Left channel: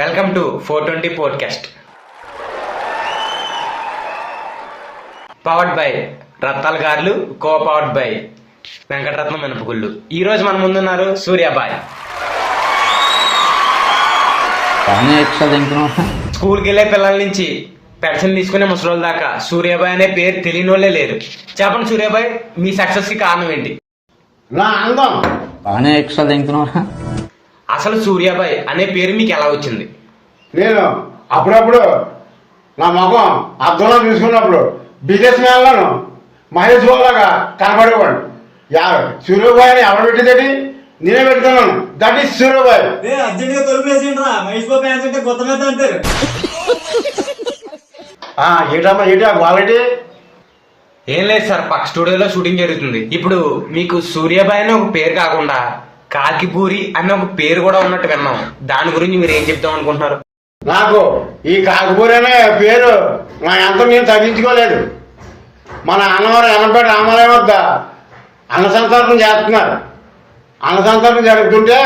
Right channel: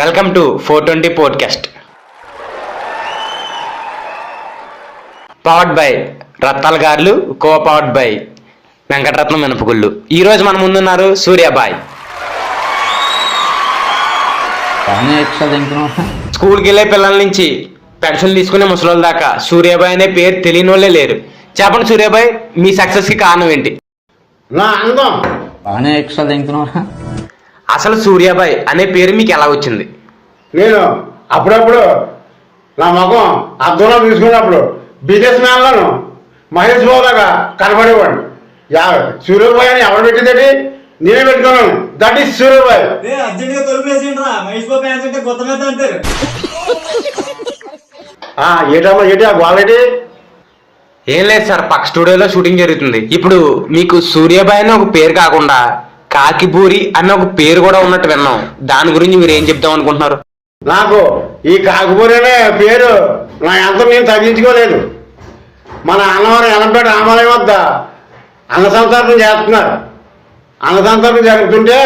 Welcome to 420 podcast. Powered by Rattala గారులు, co powered by Venkataratnam మినపగుళ్ళు. ఈరోజు మన ముందున్నారు సూర్యాబాయ్. స్కూల్కి వెళ్ళే పిల్లల నుంచి పెన్షన్ తీసుకునే ముసలోళ్ళ దాకా సూర్యాబాయ్ అనే పేరు తెలియని వాళ్ళే లేరు. చెప్పండి సూర్యాబాయ్, మీ సక్సెస్ కి కారణం ఏంటి? అసలు సూర్యాబాయ్ అనే పేరు మీకు ఎలా వచ్చింది? నేను అప్పుడప్పుడు నా ముఖం అద్దంలో తీసుకున్నప్పుడు బిజినెస్ మ్యాన్లను మహేష్ బాబు లాగా కనపడేవాడు. సూర్యబాయ్ అని ఎవరు పెట్టిందేటి? నేనే పెట్టుకున్నాను. దట్ ఈస్ సూర్యబాయ్. ఏటమ్మా క్వాలిటీ ఏం లేదు సార్, పక్క స్టూడియోలో షూటింగ్ జరుగుతుంది. ఇప్పుడు మీకు సూర్యాబాయ్ అని ఒక పేరు కాకుండా కాకిపూరి అన్న ఒక పేరు కూడా ఉన్నట్టు విన్నాం. దాని గురించి మీరు ఏం చెప్దాం అనుకుంటున్నారు? నాకు ఈ కాకిపూరి అనే పేరు నా ఎంత నేను తగ్గించుకోలేదు. మన అన్నవారు ఎనపేట రామాలయం వద్ద అన్న సంతర్పణ చేస్తున్నారు. అన్న సంతర్పణ జరుగుతుంటే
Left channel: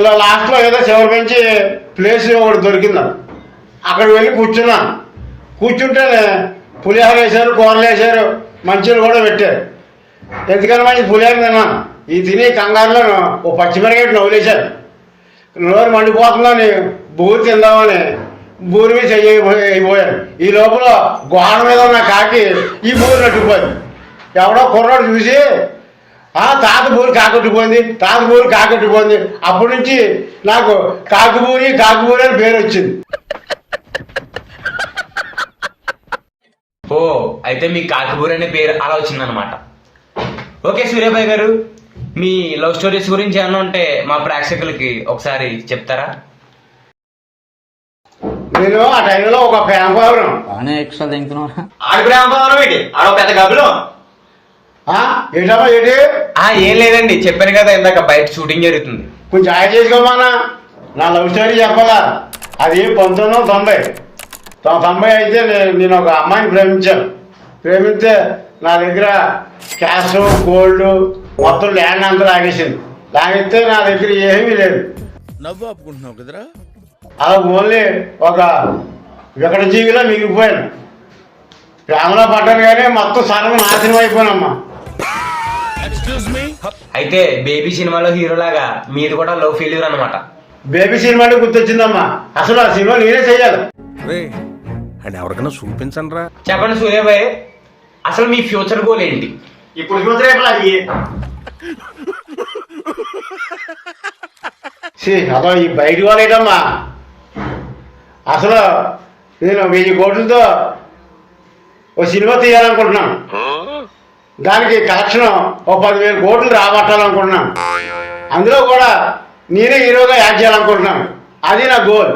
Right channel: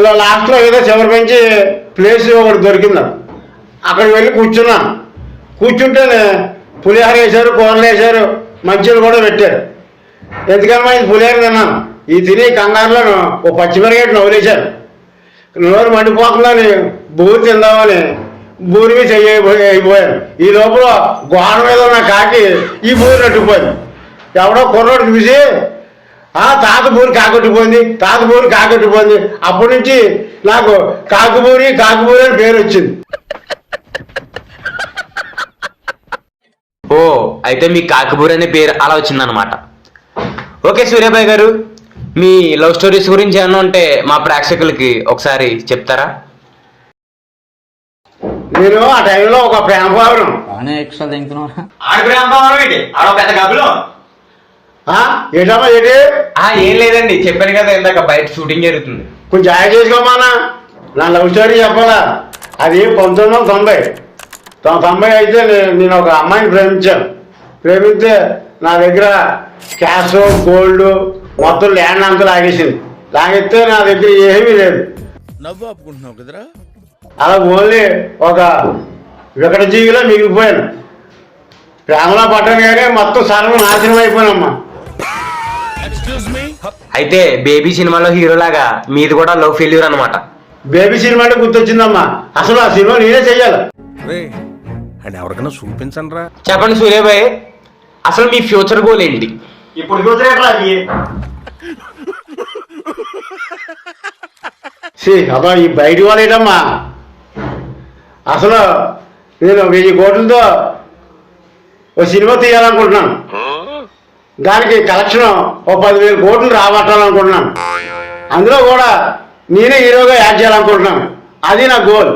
ఇలా లాస్ట్లో ఏదో చివరి పెంచి ప్లేస్ ఒకటి దొరికిందా, అక్కడికి వెళ్ళి కూర్చున్నాను. కూర్చుంటేనే పులిహోర వేశారు, కూరలు వేశారు, మంచిగా కూడా పెట్టారు. ఎందుకని మంచి పులిహోర తిన్నాను. ఈ తిని కంగారులో ఓ పచ్చిమిరగడ్డ నవ్వులేశారు. నోరు మండిపోతుందని బూరి తిందామని బూరి మీద అయిపోయాను. ఈ లోపల గోడ మీద ఉన్న కాకి ఈ బూరి నట్టుకుపోయింది. ఎవడో కుర్రాడు చూసి తాత బూరి కాకొట్టిపోయింది, తాత బూరి కాకొట్టిపోయింది. అప్పటి నుంచి నాకు కాకిబూరి అని పేరు వచ్చింది. ఓ, అయితే మీ కాకిపూరి అనే పేరు అలా వచ్చిందనమాట. ఓకే సూర్యాబాయ్ గారు, మీ లవ్ స్టోరీస్ గురించి ఏమన్నా ఉంటే మా ప్రేక్షకులకి ఒకసారి చెప్తారా? నేను ఆ టైంలో ఒక ప్రేమ భావనం ఏంటమ్మా ఏంటి? ఏం లేదండి, చెప్పాను కదా ఇందాక బయట షూటింగ్ జరుగుతుంది. కొంచెం యాడ్ చేసుకోమానా? నా లవ్ స్టోరీ చెప్పాలా? అది 1990 అయితే నేను ఒక అమ్మాయిని ప్రేమిస్తే నా దగ్గర క్యాష్, గోల్డ్ మొత్తం ల్యాండ్ అంతా లాగేసింది. లాగిస్తే నా దగ్గర ఏమీ లేదు. నవ్వు ఆపుకుంటున్నావు కదరా? అలా ఓన్లీ ఒక వికట జీవిలో మిగిలిపోయాను. ప్రేమలో పట్టగానే మొత్తం సర్వం నాశనం అయిపోయానమ్మా. అయితే బేబీ సినిమాలో హీరోలాగా మీది కూడా లవ్ ఫెయిల్యూర్ అనమాట. బేబీ సినిమా అంటే గుర్తొచ్చిందమ్మా. అసలు ఆ సినిమా నేనే చెయ్యాలి. ఎవరికైనా చూపించండి రా. చెప్పండి సూర్యాబాయ్, అసలు మీ ఫ్యూచర్ గోల్ ఏంటి? ఇప్పుడు ఫ్యూచర్ ఎట్లా? అదో ఈ బయట వాళ్ళు ఏంటమ్మా, అసలు నేను 1000 కోట్లతో ఓ సినిమా తీయాలనుకుంటున్నాను. దానికి కలెక్షన్ ఓ 10,000 కోట్లు రాబట్టాలనుకుంటున్నాను. అందులో కూడా నేనే హీరోగా యాడ్ చేయాలనుకుంటున్నాను. అది నా గోల్.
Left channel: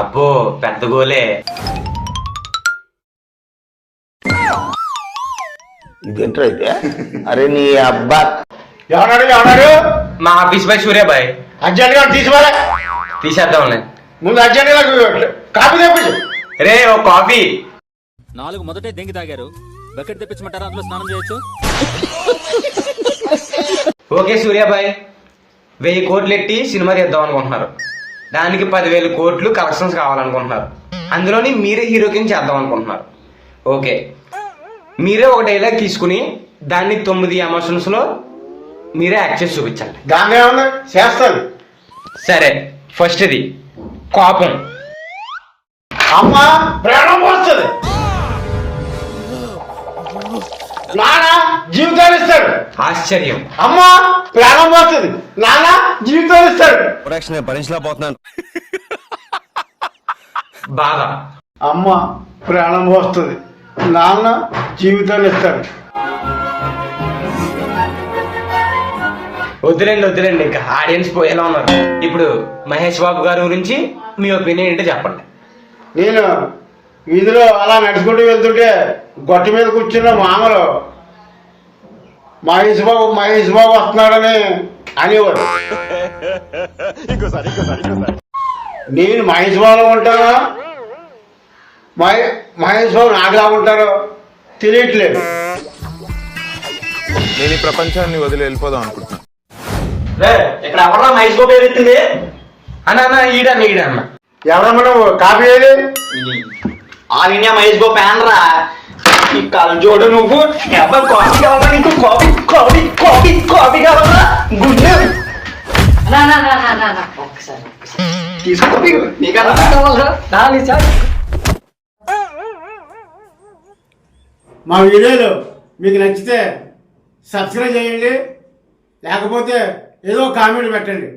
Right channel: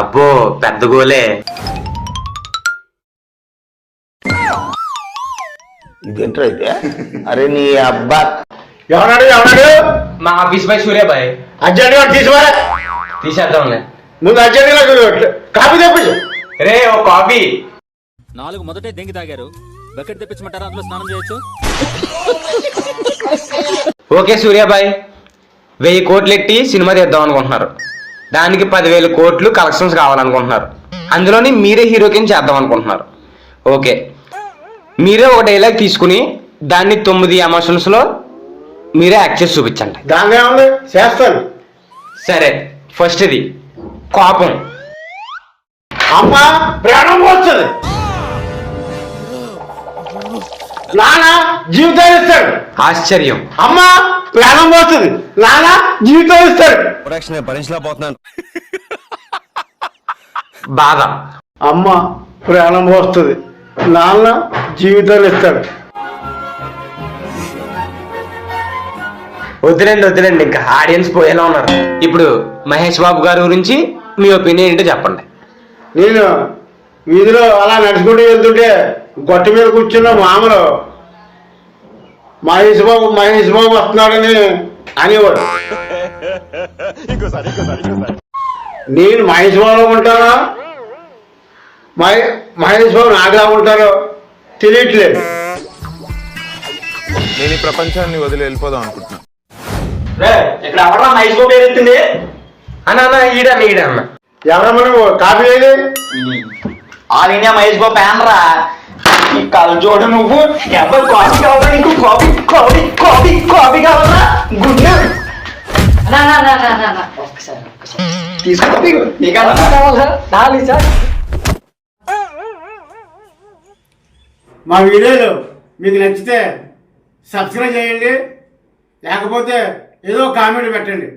అబ్బో, పెద్ద గోలే. ఇదేంటో అయితే. అరే నీ అబ్బా, ఎవరాడు? మా ఆఫీస్ బై సూర్యాబాయ్. అర్జెంట్గా తీసేద్దాం. ముందు అర్జెంట్గా కాపీ తెప్పించు. రే ఓ కాఫీ. 4 మొదటే దెంగి తాగారు, బకెట్ తెప్పించమంటారా? అందులో స్నానం చేయొచ్చు. ఓకే సూర్యాబాయ్, 1000 కోట్లు ఎట్టి సినిమా తీద్దాం అనుకుంటున్నారు. దానికి 10,000 కోట్లు కలెక్షన్స్ కావాలనుకుంటున్నారు. అందులోని మీరే హీరో కింద చేద్దాం అనుకుంటున్నారు. ఓకే, మీరే ఒక డైలాగ్ తీసుకుని దాన్ని 9 ఎమోషన్స్ లో మీరే యాక్ట్ చేసి చూపించండి. దాన్ని ఏముంది, చేస్తాను. సరే, ఫస్ట్ ఇది కోపం. అమ్మా ప్రాణం పోస్తుంది, నాన్న జీవితాలు ఇస్తాడు. ఆశ్చర్యం. అమ్మా ప్రాణం పోతుంది, నాన్న జీవితాలు ఇస్తాడు. భరించలేకపోతున్నాను. బాధ. అమ్మ ప్రాణం పోస్తుంది, నాన్న జీవితాలు ఇస్తాడు. వద్దులేండి, ఇంకా ఆడియన్స్ పోయేలా ఉన్నారు. ఇప్పుడు మహేష్ బాబు గారి గురించి మీ ఒపీనియన్ ఏంటో చెప్పండి. నేను వీధిలో అలా నడుచుకుంటూ వెళ్తుంటే గొట్ట మీద కూర్చున్న మామలు మహేష్ బాబు వస్తున్నాడని అనేవాడు. నేను మహేష్ బాబులో ఉంటానా, మహేష్ బాబు నాకులా ఉంటారో తెలియట్లేదు. నేను ఈ ప్రపంచాన్ని వదిలి వెళ్ళిపోదాం అనుకుంటున్నాను. ఇక్కడ ఎవరా మైస్కో పేరు ఎత్తింది? అన్న ఈడన్న ఎవరమ్మా నువ్వు? కాపీ ఏది? ఆల్ ఇండియా మైస్కో ఫ్యాన్ రా. ఈ కళ్ళజోడు నువ్వు ఎవరు కాఫీ కావాలా? నీకు కాఫీ కాఫీ కాఫీ కాఫీ కావాలా? గుడ్ తీసుకో. నీకు కావాలా? మా వీడియోలు మీకు నచ్చితే సబ్స్క్రైబ్ చేయండి, లేకపోతే ఏదో కామెంట్ పెట్టండి.